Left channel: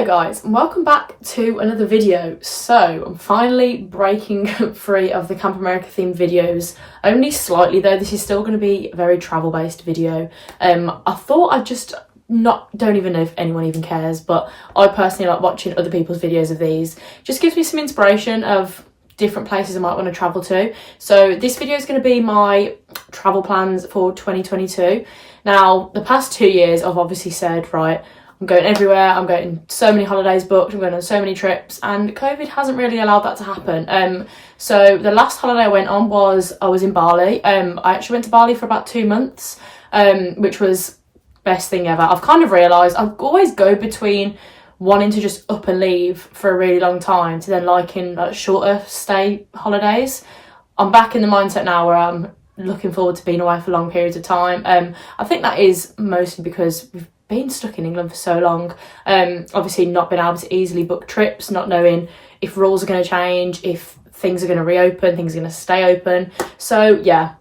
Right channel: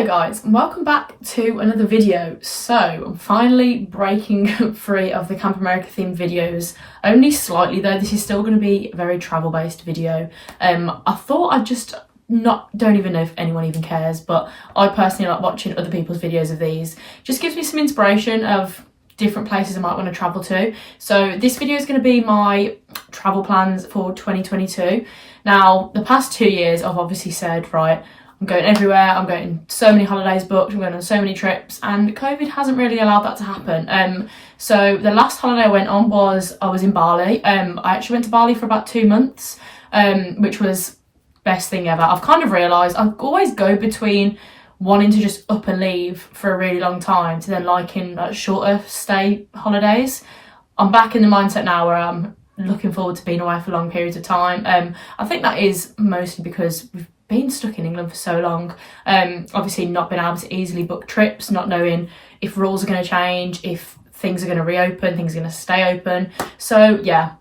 Hello guys, and welcome back to another video. So I'm finally breaking free of the Camp America themed videos, only slightly though. This is still going to be a very travel based video. I thought I'd just don't even know if anyone even cares, but I personally like watching other people's videos of these. Just gives me some inspiration of different places I might want to travel to. So this video is going to be my travel plans for 2022. Now the past 2 years I've obviously said, right, I'm going everywhere, I'm getting so many holidays booked, I'm going on so many trips, and COVID hasn't really allowed that to happen. So the last holiday I went on I was in Bali. I actually went to Bali for about 2 months, which was best thing ever. I've kind of realised I always go between wanting to just up and leave for a really long time to then liking like shorter stay holidays. I'm back in the mindset now where I'm looking forward to being away for long periods of time. I think that is mostly because we've been stuck in England for so long, obviously not been able to easily book trips, not knowing if rules are going to change, if things are going to reopen, things are going to stay open. So yeah,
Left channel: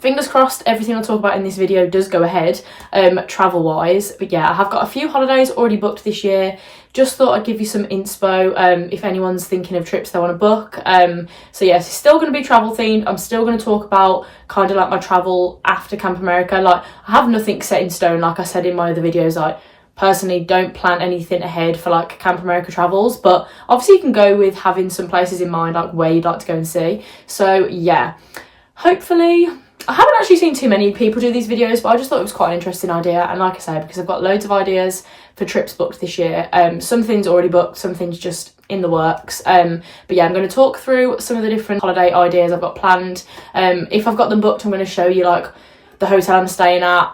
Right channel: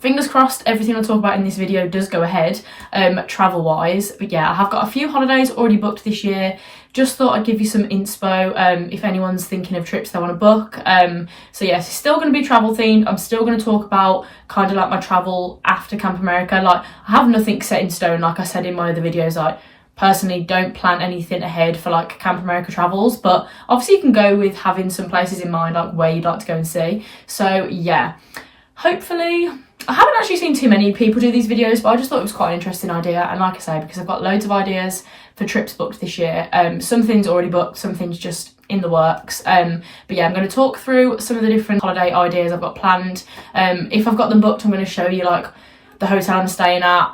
fingers crossed everything I'll talk about in this video does go ahead, travel wise. But yeah, I have got a few holidays already booked this year. Just thought I'd give you some inspo if anyone's thinking of trips they want to book. So yes, it's still going to be travel themed. I'm still going to talk about kind of like my travel after Camp America. Like, I have nothing set in stone, like I said in my other videos. Like, personally don't plan anything ahead for like Camp America travels, but obviously you can go with having some places in mind, like where you'd like to go and see. So yeah, hopefully, I haven't actually seen too many people do these videos, but I just thought it was quite an interesting idea. And like I say, because I've got loads of ideas for trips booked this year, some things already booked, some things just in the works. But yeah, I'm going to talk through some of the different holiday ideas I've got planned. If I've got them booked, I'm going to show you like the hotel I'm staying at,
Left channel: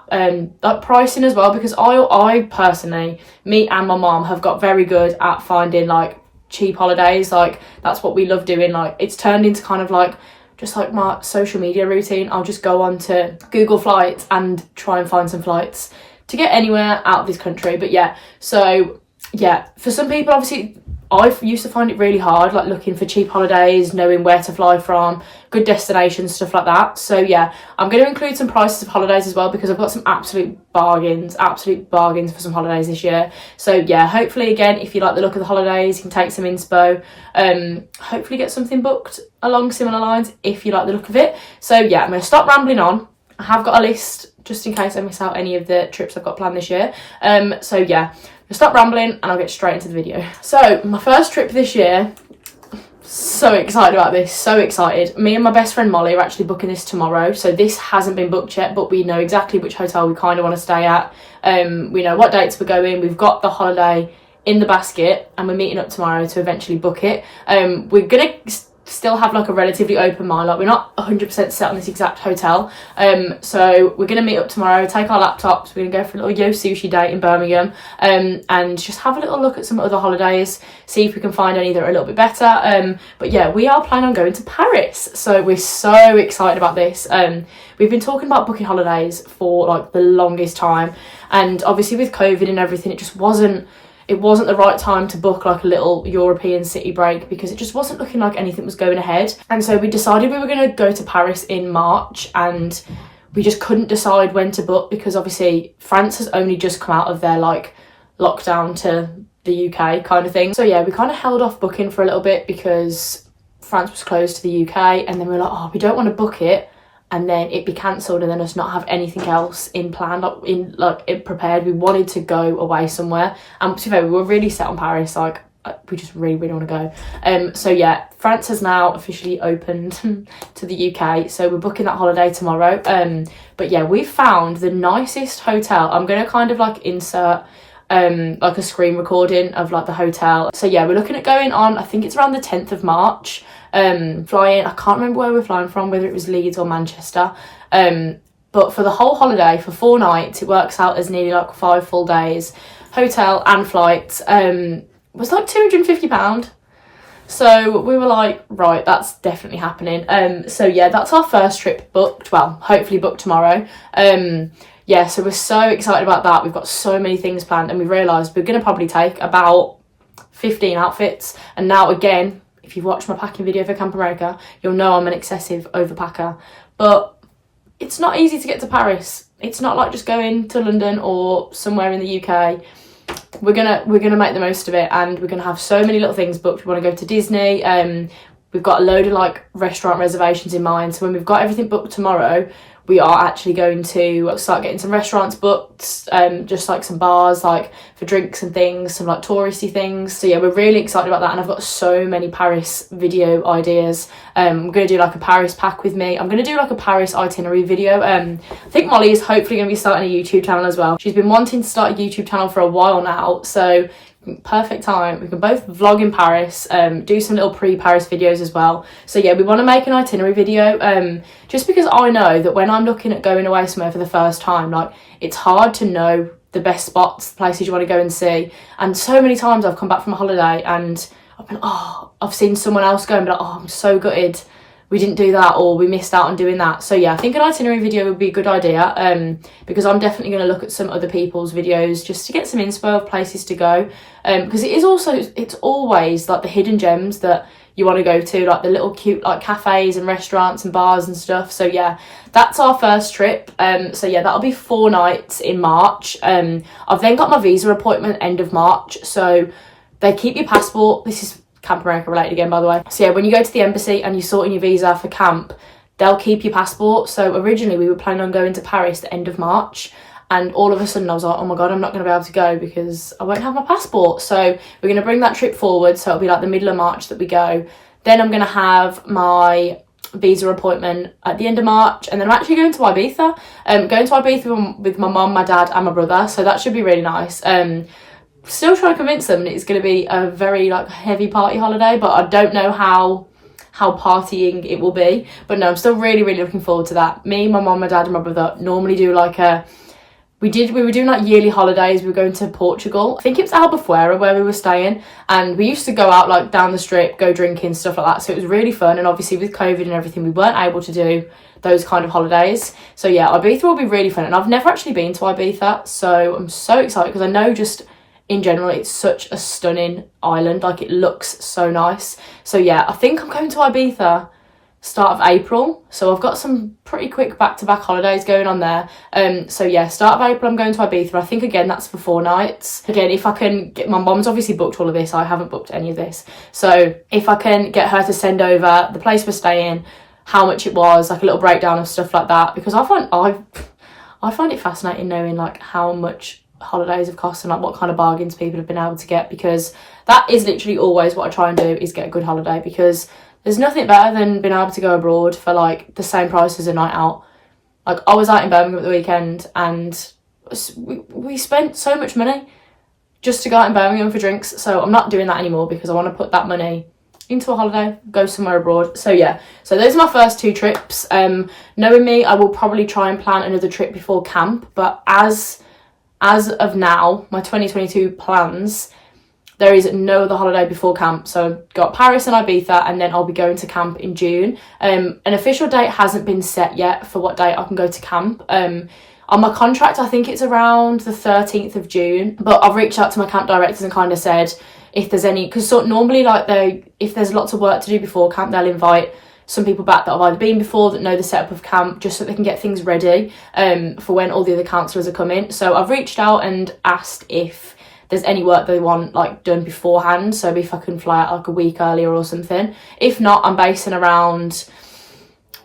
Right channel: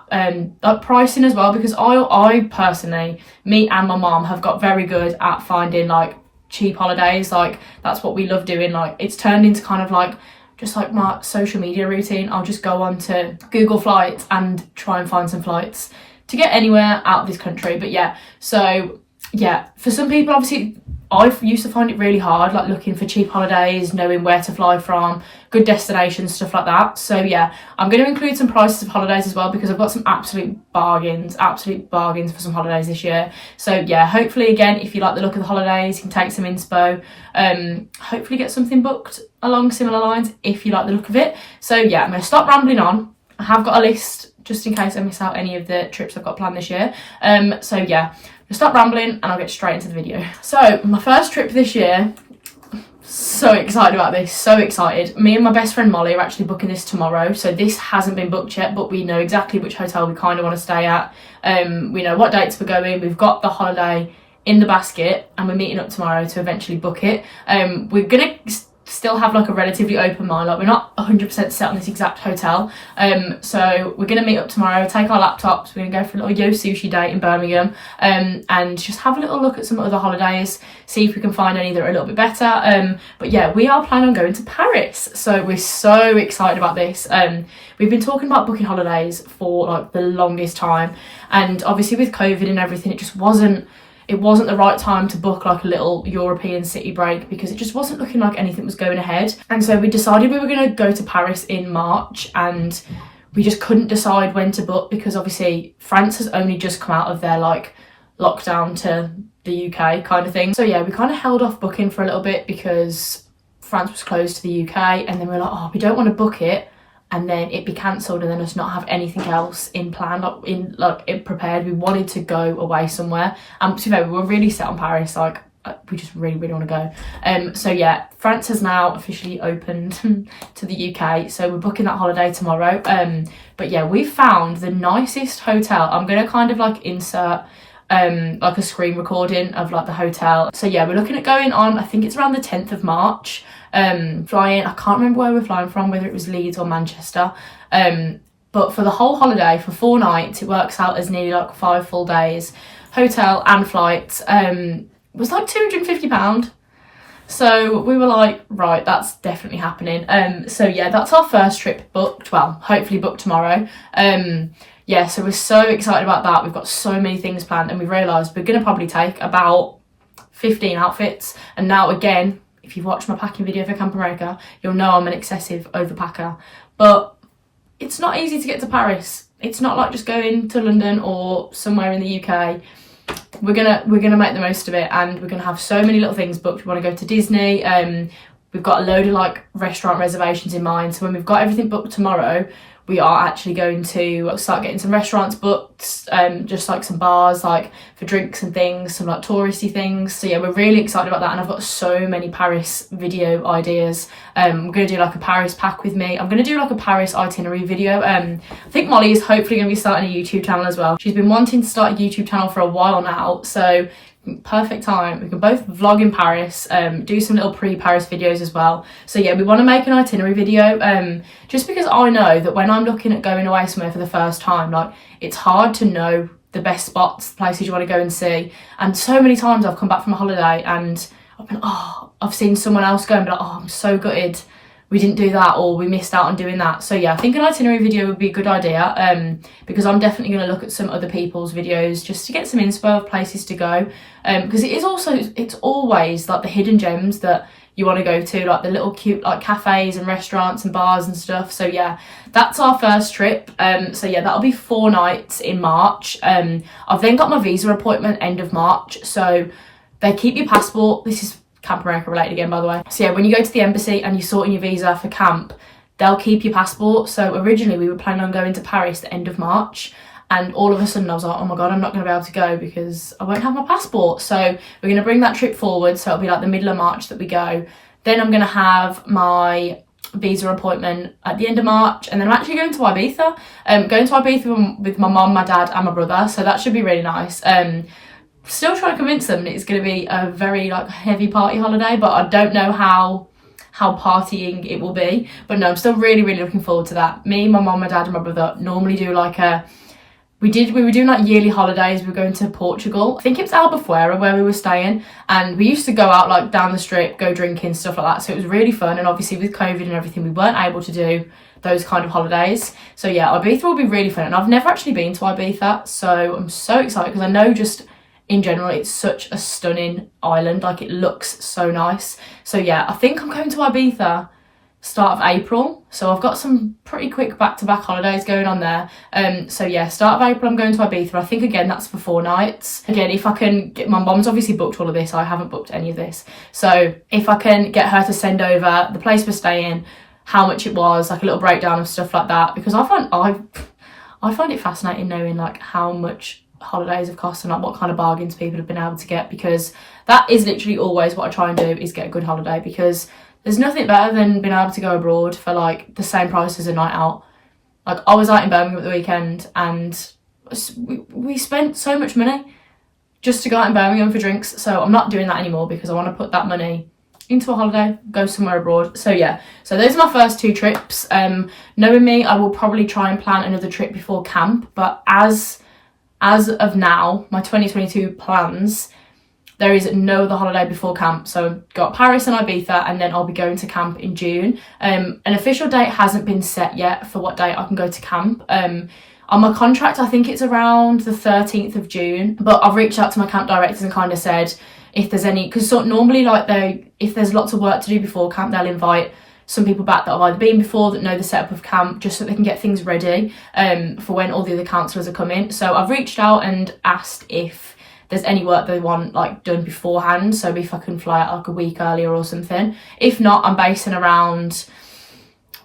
like pricing as well, because I personally, me and my mom have got very good at finding like cheap holidays. Like, that's what we love doing. Like, it's turned into kind of like just like my social media routine. I'll just go on to Google Flights and try and find some flights to get anywhere out of this country. But yeah, so yeah, for some people, obviously I used to find it really hard, like looking for cheap holidays, knowing where to fly from, good destinations, stuff like that. So yeah, I'm going to include some prices of holidays as well, because I've got some absolute bargains for some holidays this year. So yeah, hopefully again, if you like the look of the holidays, you can take some inspo, hopefully get something booked along similar lines if you like the look of it. So yeah, I'm going to stop rambling on. I have got a list just in case I miss out any of the trips I've got planned this year. So yeah, I'll stop rambling and I'll get straight into the video. So my first trip this year, so excited about this, so excited. Me and my best friend Molly are actually booking this tomorrow. So this hasn't been booked yet, but we know exactly which hotel we kind of want to stay at. We know what dates we're going. We've got the holiday in the basket and we're meeting up tomorrow to eventually book it. We're gonna still have like a relatively open mind, like we're not 100% set on this exact hotel. So we're gonna meet up tomorrow, take our laptops, we're gonna go for a little yo sushi date in Birmingham, and just have a little look at some other holidays, see if we can find any that are a little bit better. But yeah, we are planning on going to Paris, so we're so excited about this. We've been talking about booking holidays for like the longest time, and obviously with COVID and everything, it wasn't the right time to book like a little European city break, because it just wasn't looking like anything was going ahead. And so we decided we were going to go to Paris in March, and we just couldn't decide when to book, because obviously France has only just come out of their like lockdown to the UK kind of thing. So yeah, we kind of held off booking for a little bit because France was closed to the UK, and then we were like, oh, we don't want to book it and then it be cancelled and then us not have anything else in plan, it prepared. We wanted to go away somewhere, and to be fair, we were really set on Paris. Like, we just really want to go. So yeah, France has now officially opened to the UK, so we're booking that holiday tomorrow. But yeah, we found the nicest hotel. I'm gonna kind of like insert like a screen recording of like the hotel. So yeah, we're looking at going on, I think it's around the 10th of March. Flying, I can't remember where we're flying from, whether it was Leeds or Manchester, but for the whole holiday, for 4 nights, it works out as nearly like 5 full days, hotel and flights, was like £250. So we were like, right, that's definitely happening. So yeah, that's our first trip booked, well, hopefully booked tomorrow. Yeah, so we're so excited about that. We've got so many things planned, and we realised we're going to probably take about 15 outfits. And now again, if you've watched my packing video for Camp America, you'll know I'm an excessive overpacker. But it's not easy to get to Paris. It's not like just going to London or somewhere in the UK. we're gonna make the most of it, and we're gonna have so many little things booked. We want to go to Disney. We've got a load of like restaurant reservations in mind, so when we've got everything booked tomorrow, we are actually going to start getting some restaurants booked, just like some bars, like for drinks and things, some like touristy things. So yeah, we're really excited about that, and I've got so many Paris video ideas. I'm going to do like a Paris pack with me. I'm going to do like a Paris itinerary video. I think Molly is hopefully going to be starting a YouTube channel as well. She's been wanting to start a YouTube channel for a while now, so perfect time. We can both vlog in Paris, do some little pre-Paris videos as well. So yeah, we want to make an itinerary video, just because I know that when I'm looking at going away somewhere for the first time, like, it's hard to know the best spots, places you want to go and see. And so many times I've come back from a holiday and I've been, I've seen someone else go and be like, I'm so gutted we didn't do that, or we missed out on doing that. So yeah, I think an itinerary video would be a good idea, because I'm definitely going to look at some other people's videos just to get some inspo of places to go, because it's always like the hidden gems that you want to go to, like the little cute like cafes and restaurants and bars and stuff. So yeah, that's our first trip. So yeah, that'll be 4 nights in March. I've then got my visa appointment end of March, so they keep your passport. This is Camp America related again, by the way. So yeah, when you go to the embassy and you're sorting your visa for camp, they'll keep your passport. So originally we were planning on going to Paris the end of March, and all of a sudden I was like, oh my god, I'm not going to be able to go because I won't have my passport. So we're going to bring that trip forward, so it'll be like the middle of March that we go. Then I'm going to have my visa appointment at the end of March, and then I'm actually going to Ibiza. Going to Ibiza with my mum, my dad and my brother, so that should be really nice. Still trying to convince them that it's going to be a very like heavy party holiday, but I don't know how partying it will be. But no, I'm still really looking forward to that. Me, my mum, my dad and my brother normally do like we were doing like yearly holidays. We were going to Portugal. I think it's Albufeira where we were staying, and we used to go out like down the strip, go drinking, stuff like that. So it was really fun, and obviously with COVID and everything, we weren't able to do those kind of holidays. So yeah, Ibiza will be really fun, and I've never actually been to Ibiza, so I'm so excited because I know just in general it's such a stunning island, like it looks so nice. So yeah, I think I'm going to Ibiza start of April, so I've got some pretty quick back-to-back holidays going on there. So yeah, start of April I'm going to Ibiza. I think again that's for 4 nights. Again, if I can get, my mom's obviously booked all of this, I haven't booked any of this, so if I can get her to send over the place we're staying, how much it was, like a little breakdown of stuff like that, because I find it fascinating knowing like how much holidays have cost and like what kind of bargains people have been able to get, because that is literally always what I try and do, is get a good holiday, because there's nothing better than being able to go abroad for like the same price as a night out. Like I was out in Birmingham at the weekend and we spent so much money just to go out in Birmingham for drinks, so I'm not doing that anymore because I want to put that money into a holiday, go somewhere abroad. So yeah, so those are my first 2 trips. Knowing me, I will probably try and plan another trip before camp, but as of now, my 2022 plans, there is no other holiday before camp. So I've got Paris and Ibiza, and then I'll be going to camp in June. An official date hasn't been set yet for what date I can go to camp. On my contract, I think it's around the 13th of June, but I've reached out to my camp directors and kind of said if there's any, because normally like if there's lots of work to do before camp, they'll invite some people back that have either been before, that know the setup of camp, just so they can get things ready for when all the other counsellors are coming. So I've reached out and asked if there's any work they want like done beforehand, so if I can fly out like a week earlier or something. If not, I'm basing around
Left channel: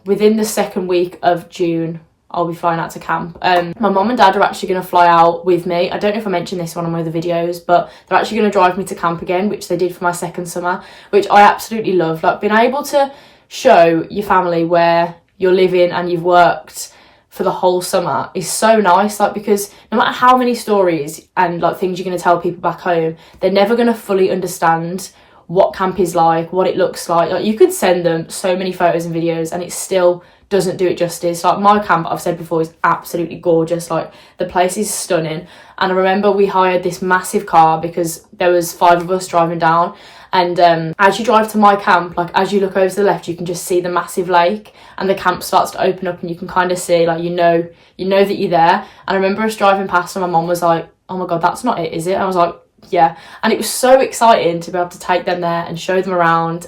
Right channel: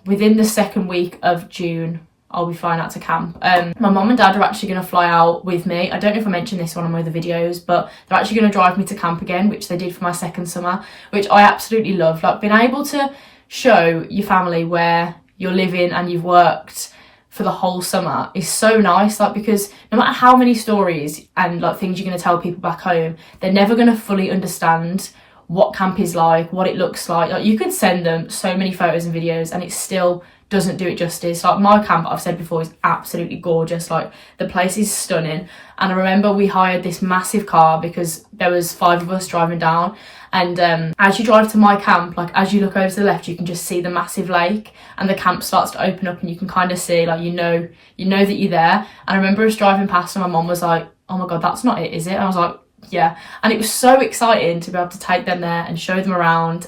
within the 2nd week of June, I'll be flying out to camp. My mum and dad are actually going to fly out with me. I don't know if I mentioned this on one of the videos, but they're actually going to drive me to camp again, which they did for my 2nd summer, which I absolutely love. Like being able to show your family where you're living and you've worked for the whole summer is so nice, like, because no matter how many stories and like things you're going to tell people back home, they're never going to fully understand what camp is like, what it looks like you could send them so many photos and videos and it still doesn't do it justice. Like my camp, I've said before, is absolutely gorgeous. Like the place is stunning, and I remember we hired this massive car because there was 5 of us driving down, and as you drive to my camp, like as you look over to the left, you can just see the massive lake, and the camp starts to open up and you can kind of see, like, you know that you're there. And I remember us driving past and my mum was like, oh my god, that's not it, is it? And I was like, yeah. And it was so exciting to be able to take them there and show them around.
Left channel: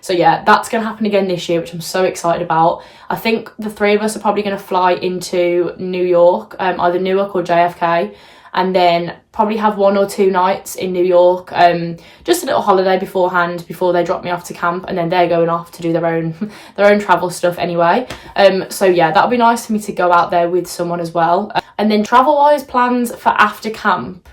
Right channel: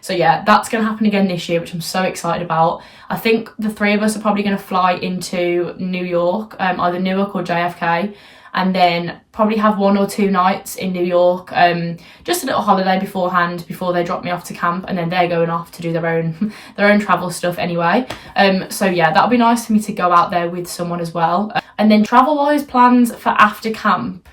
So yeah, that's going to happen again this year, which I'm so excited about. I think the 3 of us are probably going to fly into New York, either Newark or JFK, and then probably have 1 or 2 nights in New York, just a little holiday beforehand before they drop me off to camp, and then they're going off to do their own their own travel stuff anyway. So yeah, that'll be nice for me to go out there with someone as well. And then travel wise, plans for after camp,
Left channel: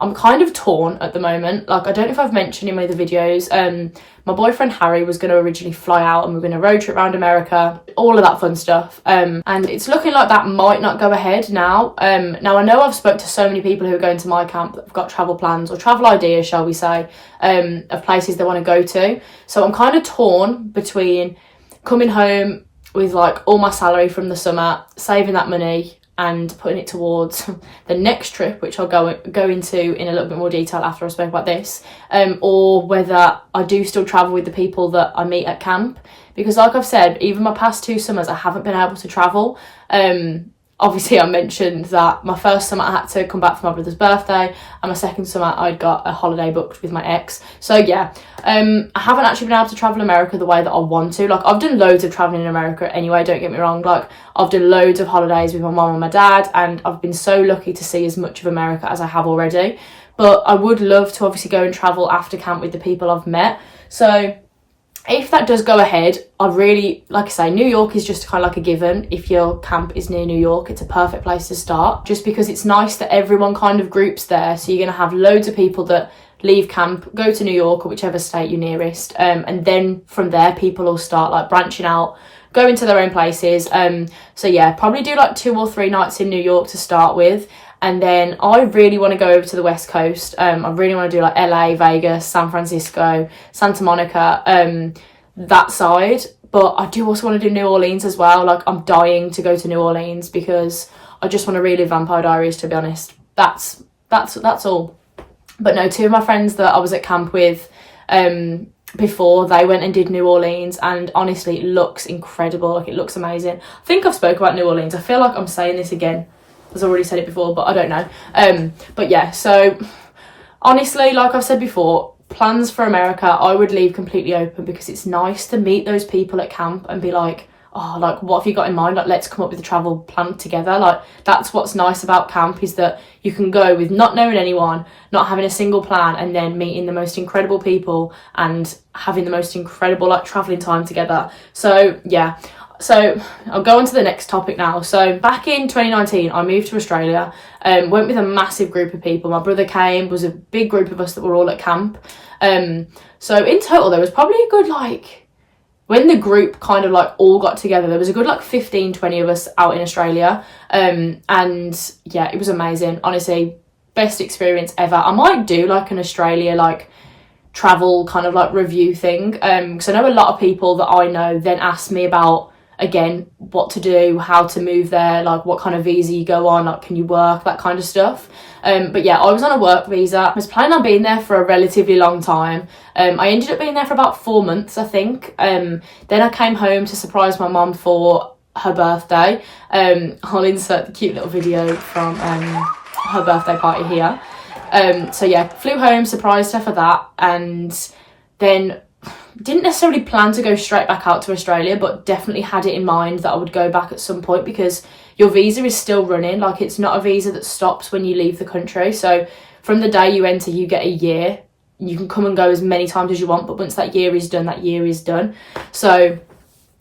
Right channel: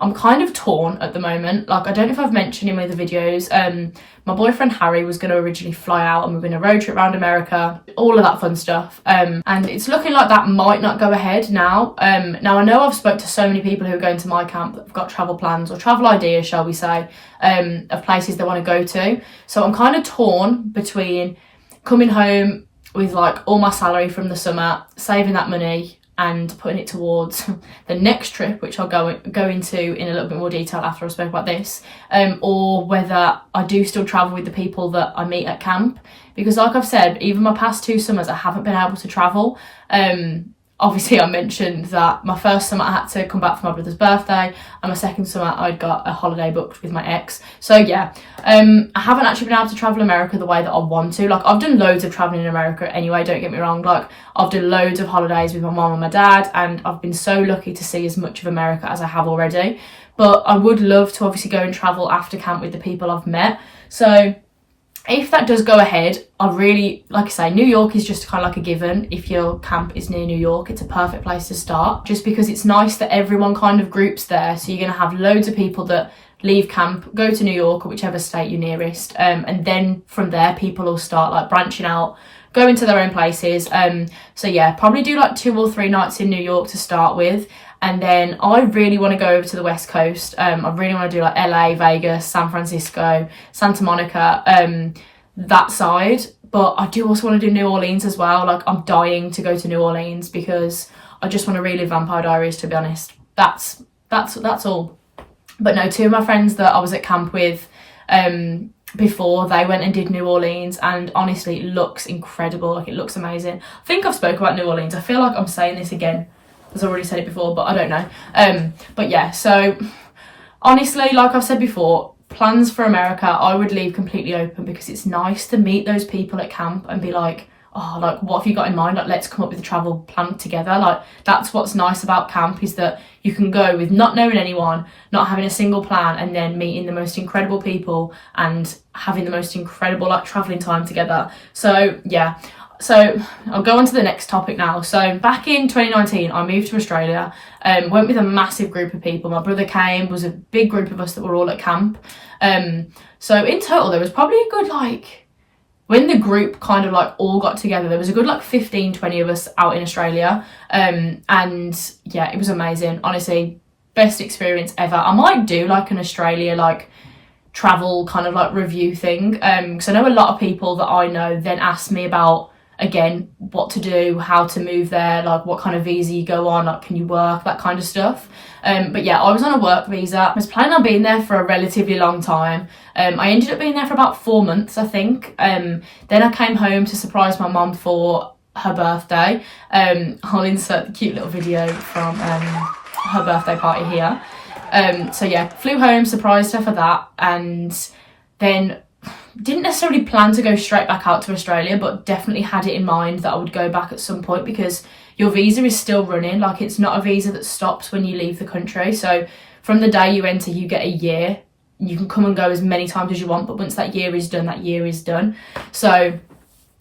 I'm kind of torn at the moment. Like, I don't know if I've mentioned in one of the videos, my boyfriend Harry was going to originally fly out and we were going to road trip around America, all of that fun stuff. And it's looking like that might not go ahead now. Now, I know I've spoke to so many people who are going to my camp that have got travel plans or travel ideas, shall we say, of places they want to go to. So I'm kind of torn between coming home with like all my salary from the summer, saving that money, and putting it towards the next trip, which I'll go into in a little bit more detail after I spoke about this, or whether I do still travel with the people that I meet at camp. Because like I've said, even my past 2 summers, I haven't been able to travel. Obviously, I mentioned that my first summer I had to come back for my brother's birthday, and my second summer I'd got a holiday booked with my ex. So yeah, I haven't actually been able to travel America the way that I want to. Like, I've done loads of traveling in America anyway, don't get me wrong. Like, I've done loads of holidays with my mum and my dad, and I've been so lucky to see as much of America as I have already. But I would love to obviously go and travel after camp with the people I've met. So if that does go ahead, I really, like I say, New York is just kind of like a given. If your camp is near New York, it's a perfect place to start, just because it's nice that everyone kind of groups there. So you're going to have loads of people that leave camp, go to New York or whichever state you're nearest, and then from there people will start like branching out, going to their own places. So yeah, probably do like 2 or 3 nights in New York to start with. And then I really want to go over to the West Coast. I really want to do like LA, Vegas, San Francisco, Santa Monica, that side. But I do also want to do New Orleans as well. Like, I'm dying to go to New Orleans because I just want to relive Vampire Diaries, to be honest. That's all. But no, 2 of my friends that I was at camp with before, they went and did New Orleans, and honestly, it looks incredible. Like, it looks amazing. I think I've spoken about New Orleans. I feel like I'm saying this again, as I already said it before, but I don't know. But yeah, so honestly, like I've said before, plans for America I would leave completely open, because it's nice to meet those people at camp and be like, oh, like, what have you got in mind? Like, let's come up with a travel plan together. Like, that's what's nice about camp, is that you can go with not knowing anyone, not having a single plan, and then meeting the most incredible people and having the most incredible like traveling time together. So yeah. So I'll go on to the next topic now. So back in 2019, I moved to Australia, went with a massive group of people. My brother came, was a big group of us that were all at camp. So in total, there was probably a good, like, when the group kind of like all got together, there was a good like 15, 20 of us out in Australia. And yeah, it was amazing. Honestly, best experience ever. I might do like an Australia, like, travel kind of like review thing. Because I know a lot of people that I know then ask me about, again, what to do, how to move there, like what kind of visa you go on, like can you work, that kind of stuff. But yeah, I was on a work visa. I was planning on being there for a relatively long time. I ended up being there for about 4 months, I think. Then I came home to surprise my mum for her birthday. I'll insert the cute little video from her birthday party here. So yeah, flew home, surprised her for that, and then didn't necessarily plan to go straight back out to Australia, but definitely had it in mind that I would go back at some point, because your visa is still running. Like, it's not a visa that stops when you leave the country. So from the day you enter, you get a year. You can come and go as many times as you want, but once that year is done, that year is done. So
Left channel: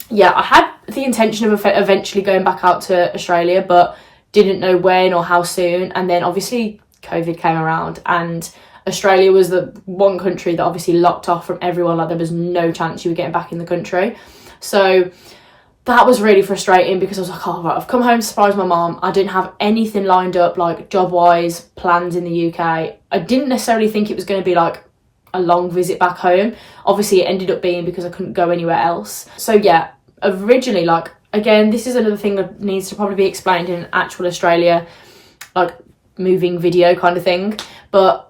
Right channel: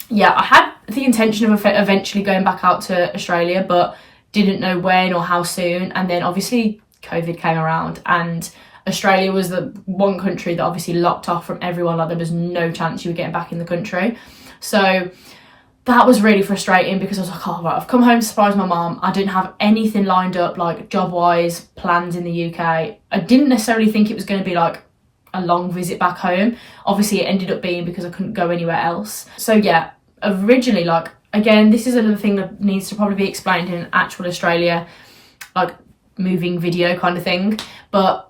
yeah, I had the intention of eventually going back out to Australia, but didn't know when or how soon. And then obviously COVID came around, and Australia was the one country that obviously locked off from everyone. Like, there was no chance you were getting back in the country. So that was really frustrating, because I was like, oh, right, I've come home to surprise my mom. I didn't have anything lined up, like job-wise, plans in the UK. I didn't necessarily think it was going to be like a long visit back home. Obviously, it ended up being because I couldn't go anywhere else. So yeah, originally, like, again, this is another thing that needs to probably be explained in an actual Australia, like, moving video kind of thing. But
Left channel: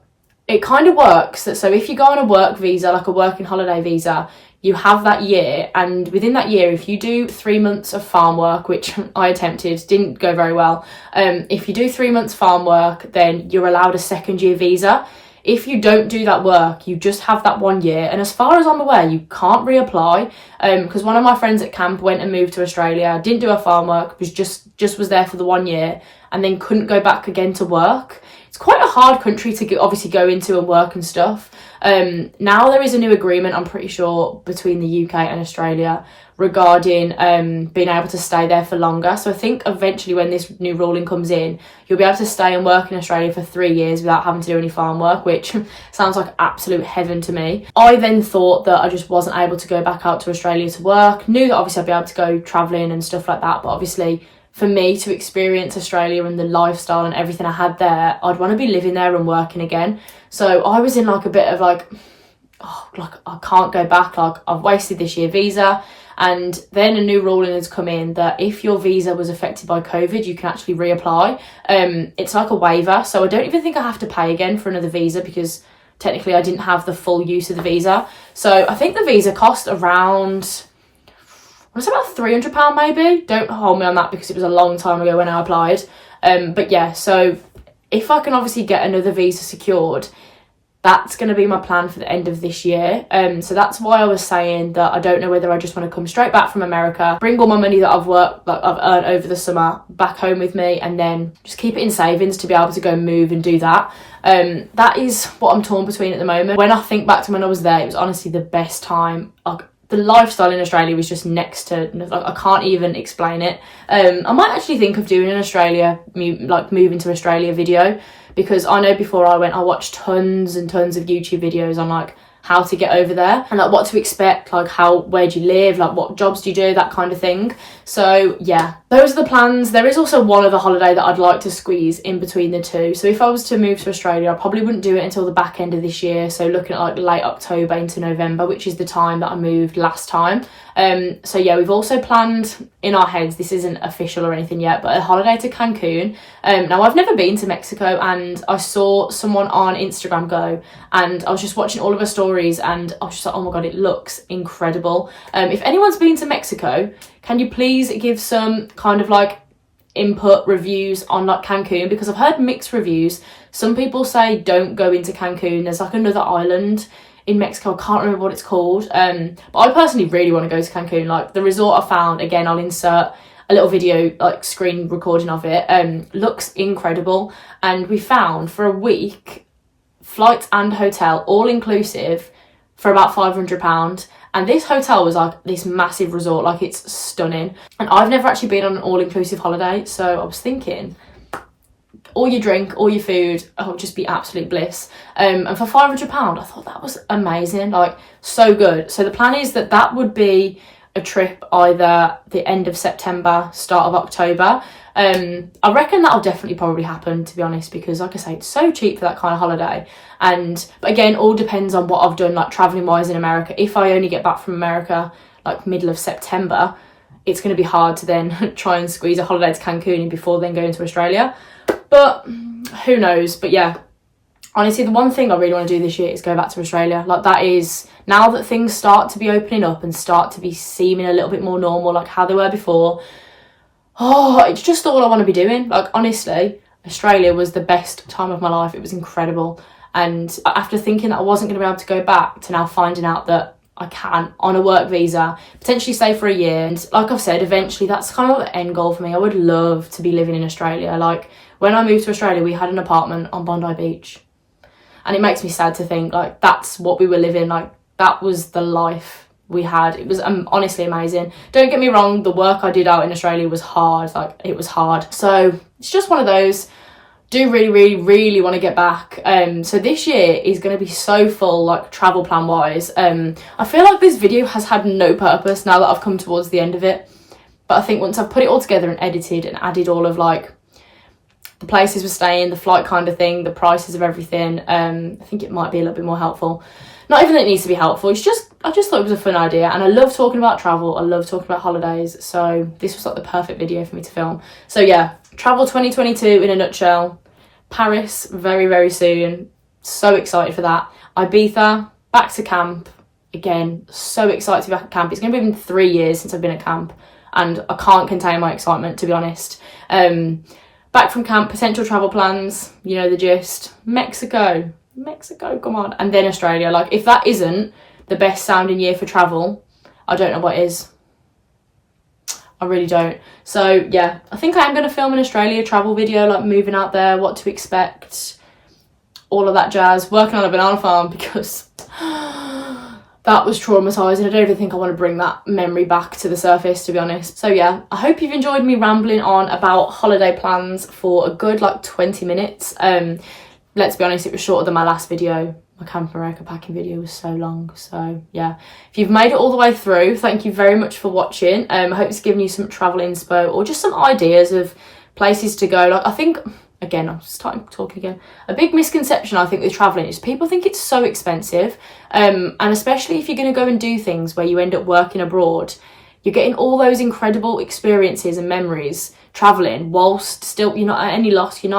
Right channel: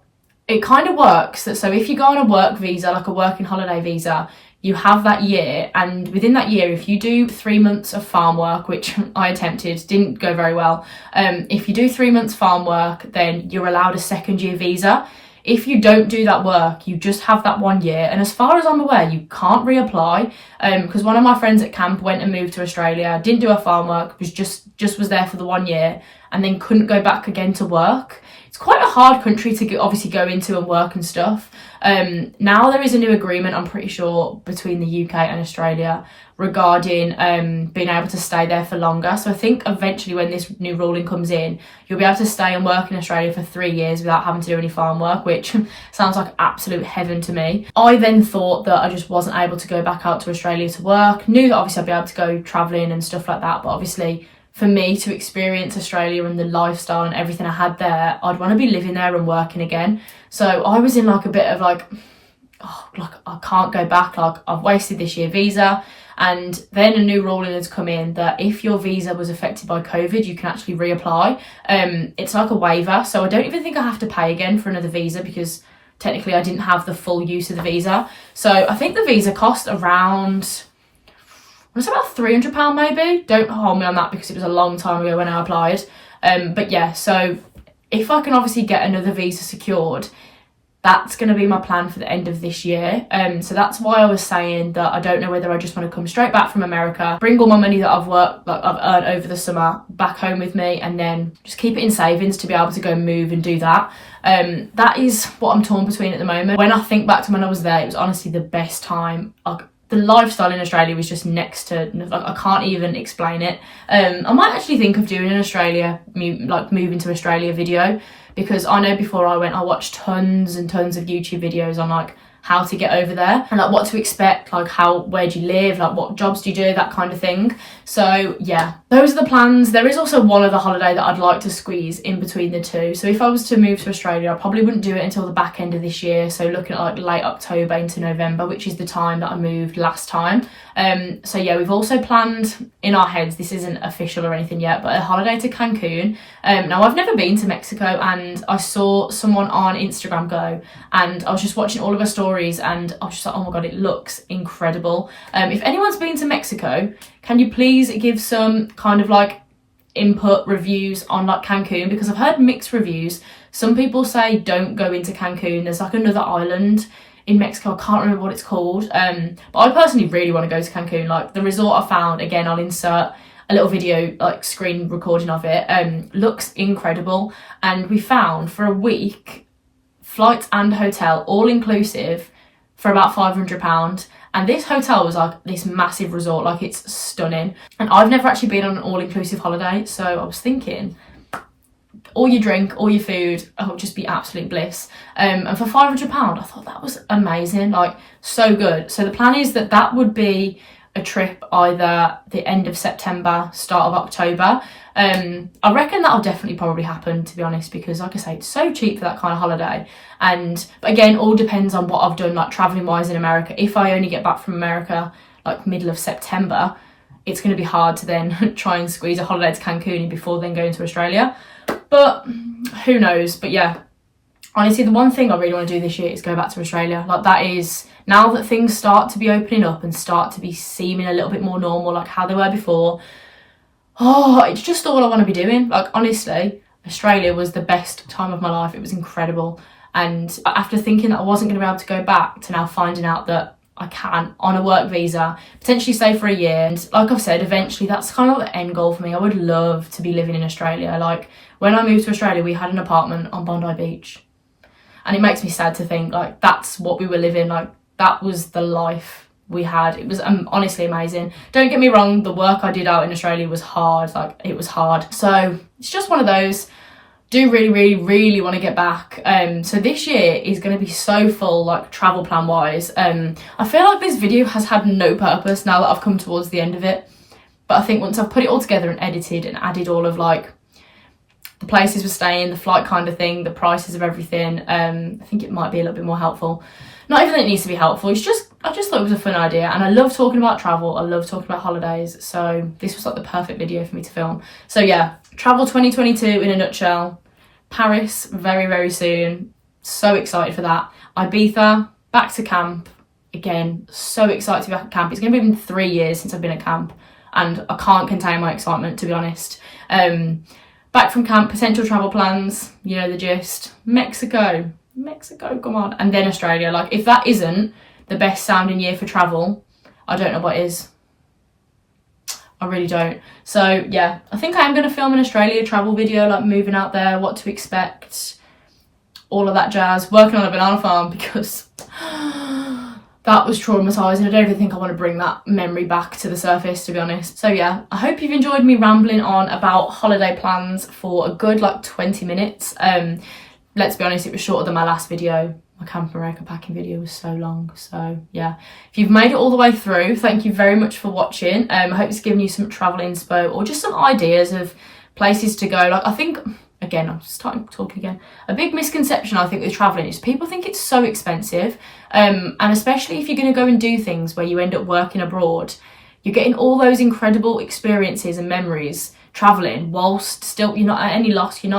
it kind of works. So if you go on a work visa, like a working holiday visa, you have that year, and within that year, if you do 3 months of farm work, which I attempted, didn't go very well. If you do 3 months farm work, then you're allowed a second year visa. if you don't do that work, you just have that 1 year. And as far as I'm aware, you can't reapply. Because one of my friends at camp went and moved to Australia, didn't do her farm work, was just was there for the 1 year, and then couldn't go back again to work. It's quite a hard country to obviously go into and work and stuff. Now there is a new agreement, I'm pretty sure, between the UK and Australia regarding being able to stay there for longer. So I think eventually when this new ruling comes in, you'll be able to stay and work in Australia for 3 years without having to do any farm work, which sounds like absolute heaven to me. I then thought that I just wasn't able to go back out to Australia to work. Knew that obviously I'd be able to go travelling and stuff like that, but obviously for me to experience Australia and the lifestyle and everything I had there, I'd want to be living there and working again. So I was in like a bit of like, oh, like I can't go back, like I've wasted this year visa. And then a new ruling has come in that if your visa was affected by COVID, you can actually reapply. It's like a waiver, so I don't even think I have to pay again for another visa, because technically I didn't have the full use of the visa. So I think the visa cost around, it's about £300 maybe. Don't hold me on that because it was a long time ago when I applied. But yeah, so if I can obviously get another visa secured, that's going to be my plan for the end of this year. So that's why I was saying that I don't know whether I just want to come straight back from America, bring all my money that I've worked, like I've earned over the summer, back home with me, and then just keep it in savings to be able to go move and do that. That is what I'm torn between at the moment. When I think back to when I was there, it was honestly the best time. The lifestyle in Australia was just next to, like, I can't even explain it. I might actually think of doing an Australia, like moving to Australia video, because I know before I went, I watched tons and tons of YouTube videos on like how to get over there and like what to expect, like where do you live, like what jobs do you do, that kind of thing. So yeah, those are the plans. There is also one other holiday that I'd like to squeeze in between the two. So if I was to move to Australia, I probably wouldn't do it until the back end of this year. So looking at like late October into November, which is the time that I moved last time. So yeah, we've also planned in our heads, this isn't official or anything yet, but a holiday to Cancun. Now I've never been to Mexico, and I saw someone on Instagram go, and I was just watching all of her stories and I was just like, oh my god, it looks incredible. If anyone's been to Mexico, can you please give some kind of like input reviews on like Cancun, because I've heard mixed reviews. Some people say don't go into Cancun, there's like another island in Mexico, I can't remember what it's called, but I personally really want to go to Cancun. Like the resort I found, again I'll insert a little video like screen recording of it, looks incredible. And we found for a week flights and hotel all inclusive for about £500, and this hotel was like this massive resort, like it's stunning. And I've never actually been on an all-inclusive holiday, so I was thinking all your drink, all your food, it would just be absolute bliss. And for £500, I thought that was amazing, like so good. So the plan is that that would be a trip either the end of September, start of October. I reckon that'll definitely probably happen, to be honest, because like I say, it's so cheap for that kind of holiday. But again, all depends on what I've done, like traveling wise in America. If I only get back from America like middle of September, it's going to be hard to then try and squeeze a holiday to Cancun before then going to Australia. But who knows? But yeah, honestly, the one thing I really want to do this year is go back to Australia. Like that is, now that things start to be opening up and start to be seeming a little bit more normal, like how they were before, oh, it's just all I want to be doing. Like honestly, Australia was the best time of my life. It was incredible. And after thinking that I wasn't going to be able to go back, to now finding out that I can on a work visa, potentially stay for a year. And like I've said, eventually that's kind of the end goal for me. I would love to be living in Australia. Like when I moved to Australia, we had an apartment on Bondi Beach. And it makes me sad to think like that's what we were living. Like that was the life we had. It was honestly amazing. Don't get me wrong, the work I did out in Australia was hard. Like it was hard. So it's just one of those. Do really want to get back. So this year is going to be so full, like travel plan wise. I feel like this video has had no purpose now that I've come towards the end of it. But I think once I've put it all together and edited and added all of like the places we're staying, the flight kind of thing, the prices of everything, I think it might be a little bit more helpful. Not even that it needs to be helpful, it's just, I just thought it was a fun idea, and I love talking about travel, I love talking about holidays, so this was like the perfect video for me to film. So yeah, travel 2022 in a nutshell. Paris very soon, so excited for that. Ibiza, back to camp, again, so excited to be back at camp. It's going to be 3 years since I've been at camp, and I can't contain my excitement, to be honest. Back from camp, potential travel plans, you know the gist. Mexico, Mexico, come on. And then Australia. Like, if that isn't the best sounding year for travel, I don't know what is. I really don't. So yeah, I think I am going to film an Australia travel video, like moving out there, what to expect, all of that jazz, working on a banana farm, because that was traumatising. I don't even think I want to bring that memory back to the surface, to be honest. So yeah, I hope you've enjoyed me rambling on about holiday plans for a good like 20 minutes. Let's be honest, it was shorter than my last video. My Camp America packing video was so long. So yeah, if you've made it all the way through, thank you very much for watching. I hope it's given you some travel inspo or just some ideas of places to go. Like, I think, again, I'm starting talking again, a big misconception I think with traveling is people think it's so expensive, and especially if you're going to go and do things where you end up working abroad, you're getting all those incredible experiences and memories traveling whilst still you're not at any loss, you're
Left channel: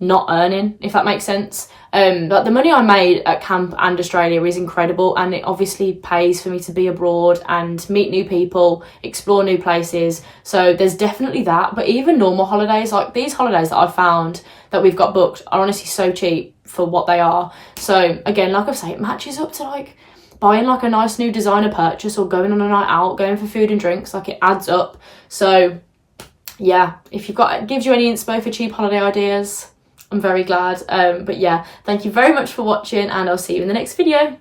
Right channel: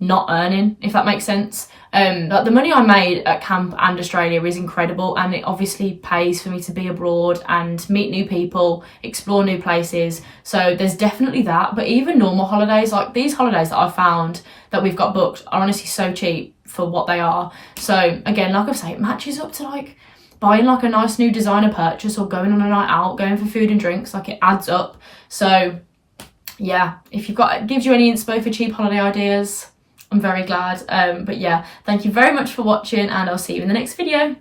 not earning, if that makes sense. Like, the money I made at camp and Australia is incredible, and it obviously pays for me to be abroad and meet new people, explore new places. So there's definitely that. But even normal holidays, like these holidays that I've found that we've got booked, are honestly so cheap for what they are. So again, like I say, it matches up to like buying like a nice new designer purchase or going on a night out, going for food and drinks. Like, it adds up. So yeah, if you've got, it gives you any inspo for cheap holiday ideas, I'm very glad. But yeah, thank you very much for watching, and I'll see you in the next video.